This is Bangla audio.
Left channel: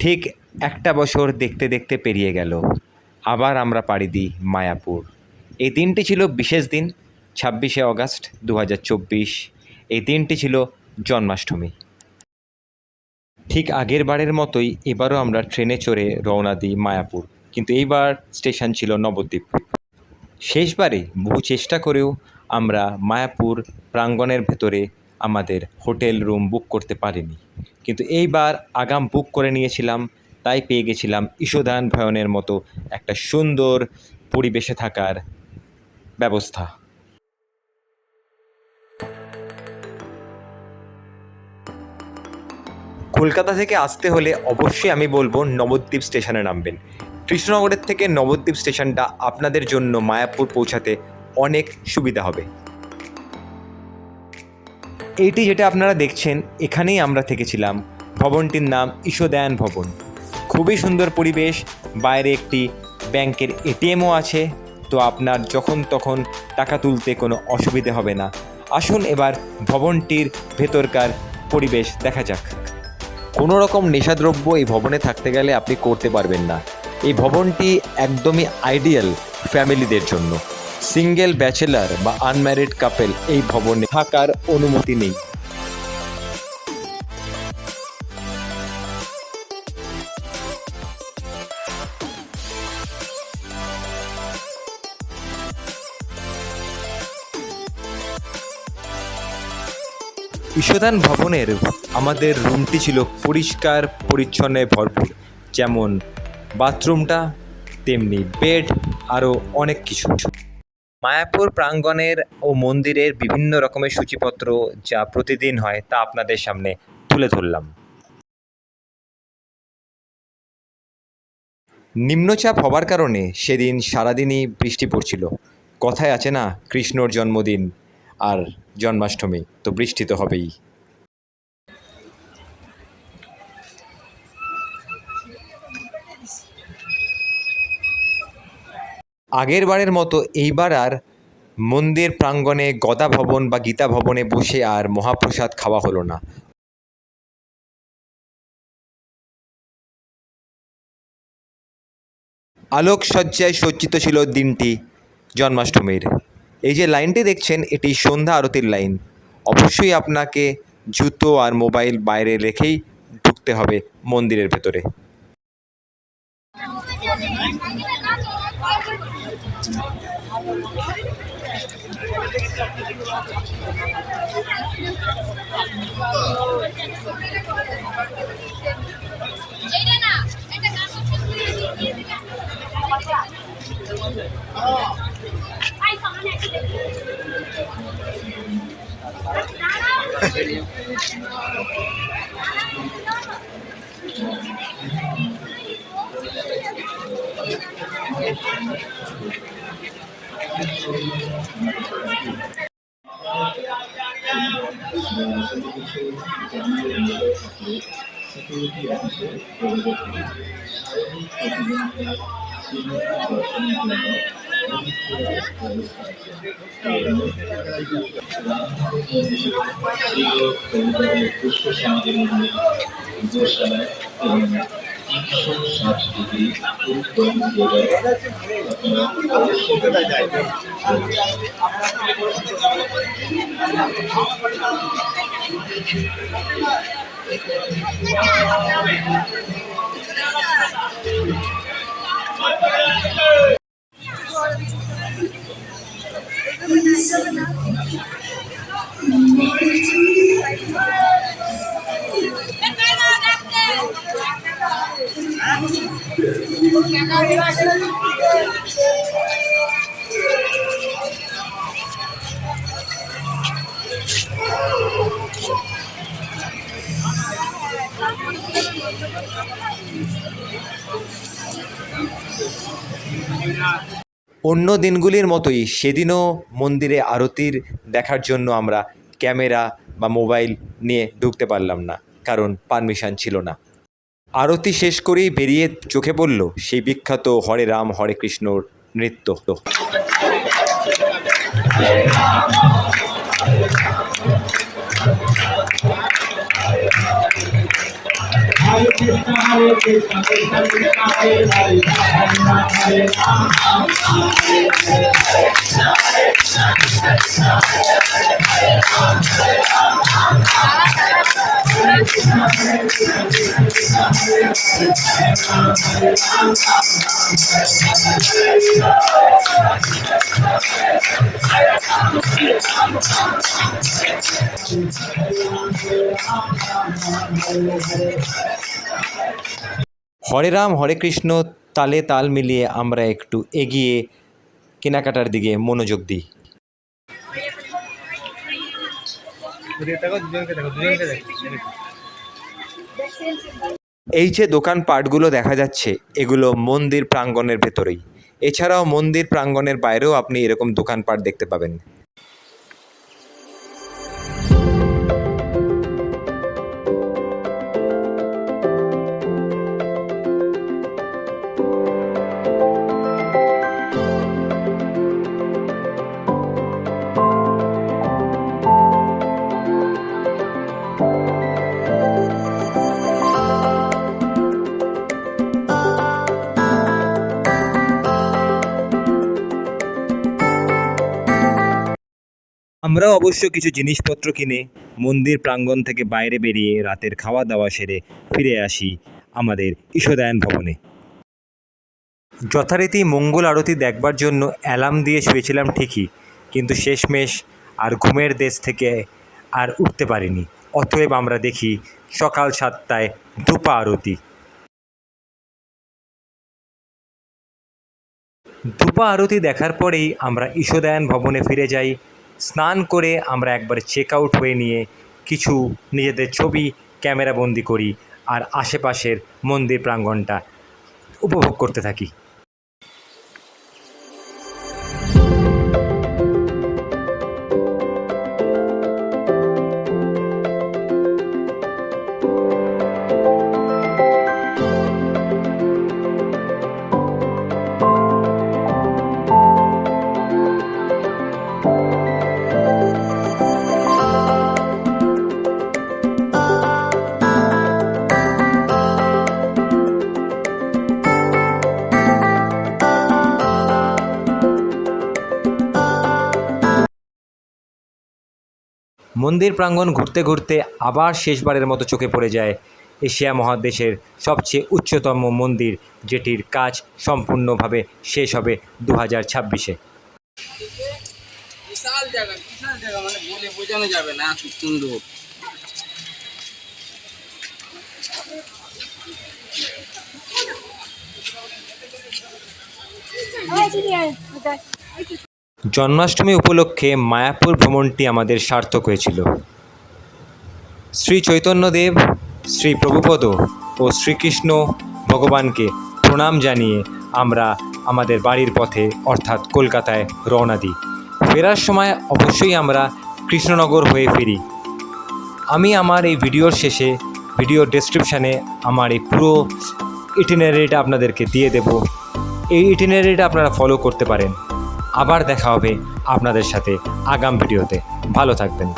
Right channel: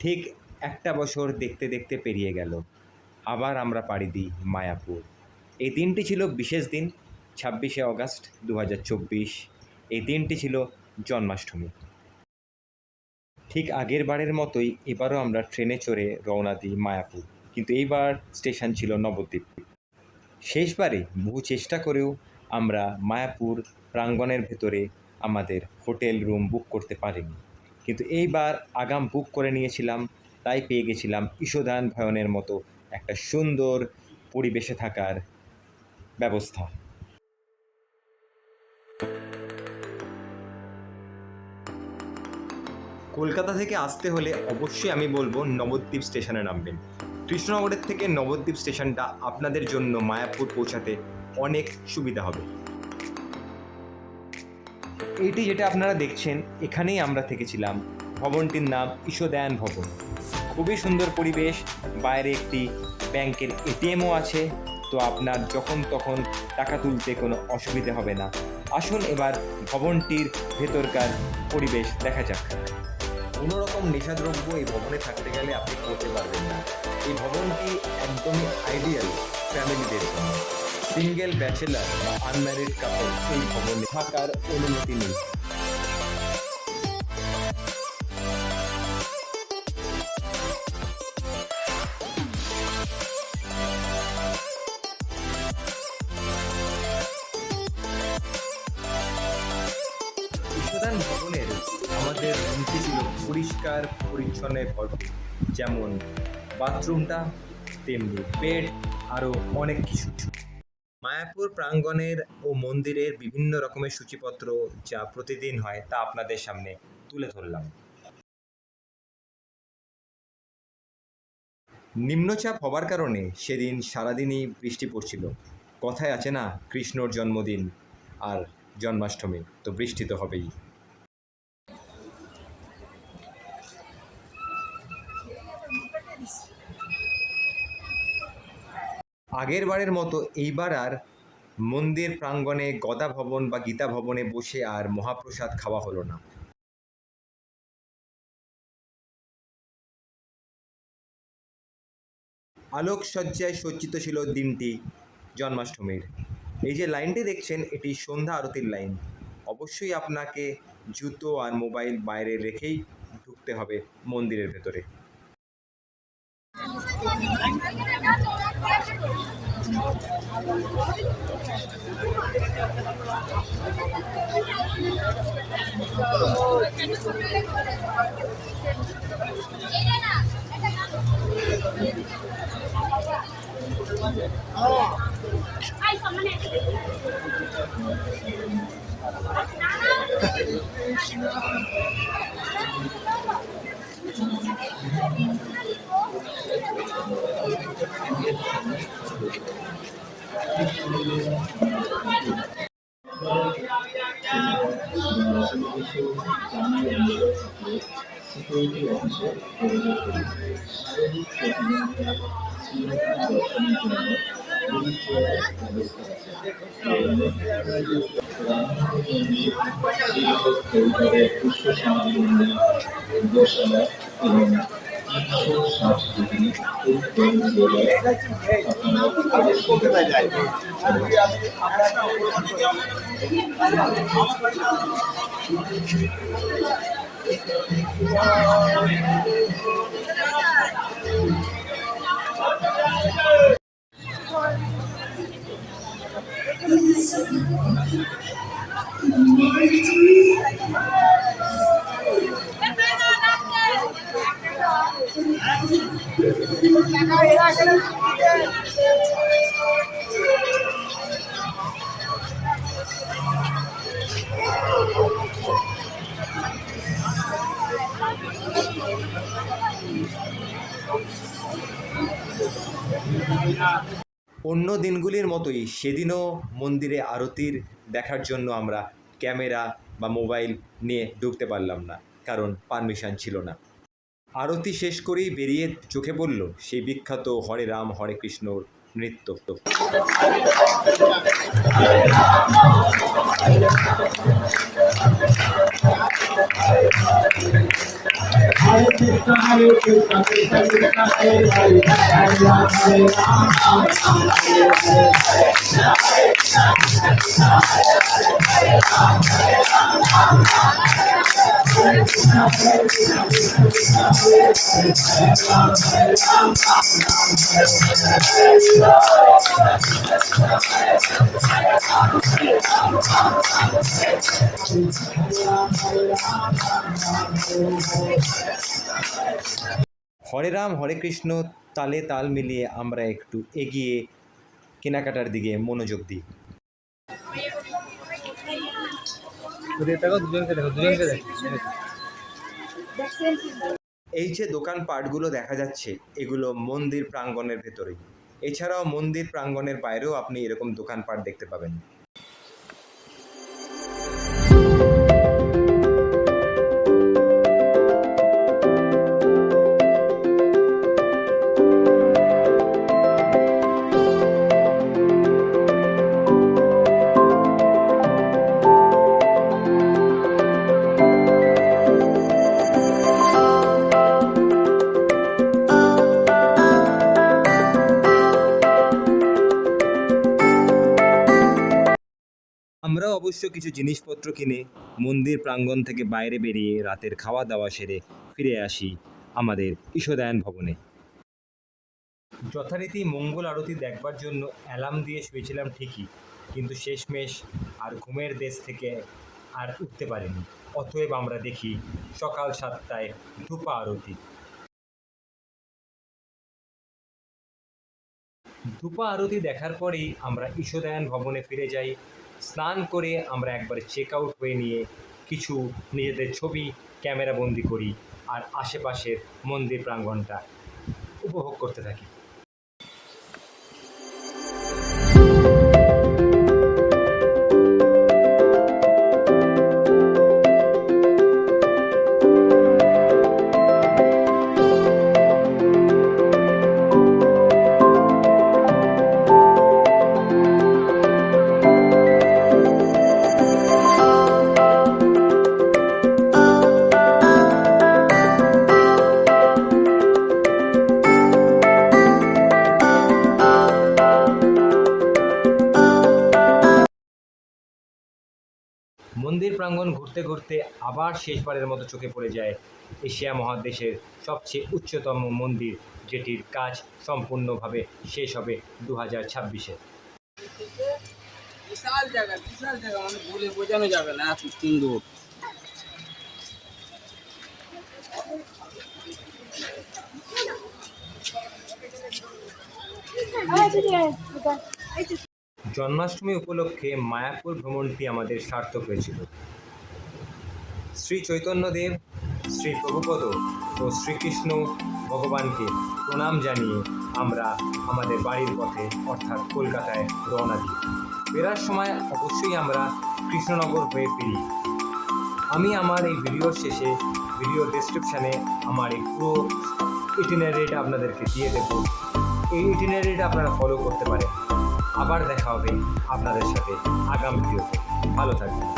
ঠিক একটা বছর দেখতে দেখতে পেরিয়ে গেল। আবার আমরা পাড়ি দিই মায়াপুর। এই দিনটি ছিল বিশেষ দিন, 26শে অগাস্ট 2024। এই দিনটি ছিল জন্মাষ্টমী। ঠিক আগের বারের মতোই এবারও আমরা ট্রেনে চড়ে রওনা দিই মায়াপুর, কিন্তু এইবার স্টেশন ছিল নবদ্বীপ। শেষবারে বহু চেষ্টা করেও আমরা মায়াপুর প্রাঙ্গণের ভেতরে আমাদের হোটেল রুম বুক করতে পারিনি, কিন্তু এইবার আগাম বুক করে নিয়েছিলাম, তাই পেয়ে গেছিলাম ঈশদান ভয়নের মতো একটা সুন্দর পরিবেশে থাকার ব্যবস্থা। কলকাতা থেকে আসতে হলে অবশ্যই আমি বলবো নবদ্বীপ স্টেশনে নামবেন। কৃষ্ণনগরের থেকে নবদ্বীপ স্টেশনটা আপনাদের জন্য মায়াপুর পৌঁছাতে অনেক সুবিধা হবে। এইটি যেটা আপনারা দেখছেন, এখানেই আমরা থেকেছিলাম। ভবনটির নাম ঈশদান ভবন। খুবই সুন্দর পরিবেশ, বাইরে একটি ব্যাংকের এটিএমও আছে, তো আপনার যখন তখন টাকা তুলতে কোনো অসুবিধে হবে না। আসুন এবার ভবনটির ভেতরকার পরিবেশ দেখা যাক। কোনো রকম নেশাদ্রব্য এই ভবনে থাকতে গেলে আপনি করতে পারবেন না। এই ভবনটি একদমই আইডিয়াল ফ্যামিলিদের জন্য। সিঙ্গেল ব্যাচেলার বা আনম্যারিড কাপল এই ভবনে থাকার অনুমতি নেই। ঈশদান ভবনের আমাদের রুমটি ছিল পরিষ্কার পরিচ্ছন্নে ভরপুর, যেমন বাথরুমটা তেমনি বেড, আরও অনেক কিছু। মায়াপুর প্রাঙ্গণের ও মন্দিরের বিভিন্ন রকমের সূচিপত্র যা প্রতিদিন হয় তা আপনাদের সামনে তুলে ধরলাম। নিম্নচাপ হবার কারণে সেদিন সারাদিনই বৃষ্টি পড়ছিল। কথায় আছে না, কৃষ্ণর জন্মদিন আর জন্মাষ্টমী, তো বৃষ্টি তো হবেই। আগের বারের মতো এইবার আর মন্দির প্রাঙ্গণে গদা ভবন বা গীতা ভবনে বসে আর মহাপ্রসাদ খাওয়া হলো না। আলোকসজ্জায় সজ্জিত ছিল দিনটি জন্মাষ্টমীর। এই যে লাইনটি দেখছেন, এটি সন্ধ্যা আরতির লাইন। অবশ্যই আপনাকে জুতো আর মোবাইল বাইরে রেখেই ঢুকতে হবে মন্দিরের ভেতরে। অন্য দিনগুলির মতোই সেদিনও মন্দিরে আরতির দেখার জন্য আমরা ক্যামেরা বা মোবাইল নিয়ে ঢুকতে পারলাম না, কারণ পারমিশন ছিল না। আরতি শেষ করেই বেরিয়ে চোখে পড়ল সেই বিখ্যাত হরে রাম হরে কৃষ্ণর নৃত্য। হরে রাম হরে কৃষ্ণ তালে তাল মিলিয়ে আমরা একটু এগিয়ে কেনাকাটার দিকে মনোযোগ দিই। এই যে দোকানপাটগুলো দেখা যাচ্ছে এগুলো মন্দির প্রাঙ্গণের ভেতরেই। এছাড়াও মন্দির প্রাঙ্গণের বাইরেও আপনি এরকম দোকানপাট দেখতে পাবেন। আমরাও অবশ্য কিছু জিনিসপত্র কিনে মন্দির প্রাঙ্গণ থেকে বাইরে বেরিয়ে রাতের খাওয়া দাওয়া সেরে ফিরে আসি আমাদের ঈশাদায়ন ভবনে। যথারীতি মঙ্গল আরতি দেখবার জন্য অ্যালার্ম দিয়ে শুয়েছিলাম ঠিকই, কিন্তু শেষমেশ আর ঘুমের দেশ থেকে আর উঠতে পারিনি। অতএব আমরা দেখি সকাল 7টায় ধূপা আরতি। ধূপা আরতি দেখার পরেই আমরা ঈশাদায়ন ভবনে ফিরে যাই। স্নান করে আমরা একবার চেক আউট হয়ে নিয়ে কিছু নিজেদের ছবি ক্যামেরাবন্দি করি আর আশেপাশের মন্দির প্রাঙ্গণটা উপভোগ করতে থাকি। মন্দির প্রাঙ্গণ ঘুরতে ঘুরতে আবার শেষবারের মতো চোখে পড়ে যায় এশিয়া মহাদেশের সবচেয়ে উচ্চতম মন্দির, যেটির কাজ সম্পূর্ণভাবে শেষ হবে 2026-এ। বিশাল জায়গা মানে বলে বোঝানো যাবে না, খুব সুন্দর। জন্মাষ্টমী উপলক্ষে মায়াপুর ভ্রমণটি আমাদের সার্থক হয়েছিল। শ্রী চৈতন্যদেব, শ্রী প্রভুপদ ও শ্রীকৃষ্ণ ভগবানকে প্রণাম জানিয়ে আমরা আমাদের বাড়ির পথে অর্থাৎ কলকাতায় রওনা দিই। ফেরার সময় অবশ্যই আমরা কৃষ্ণনগর হয়ে ফিরি। আমি আমার এই ভিডিওর শেষে ভিডিওর ডেসক্রিপশানে আমার এই পুরো ইটিনারিটা আপনাদেরকে দিয়ে দেব। এই ইটিনারিটা আপনারা ফলো করতে পারেন। আবার দেখা হবে আপনাদের সাথে আগাম ভিডিওতে। ভালো থাকবেন।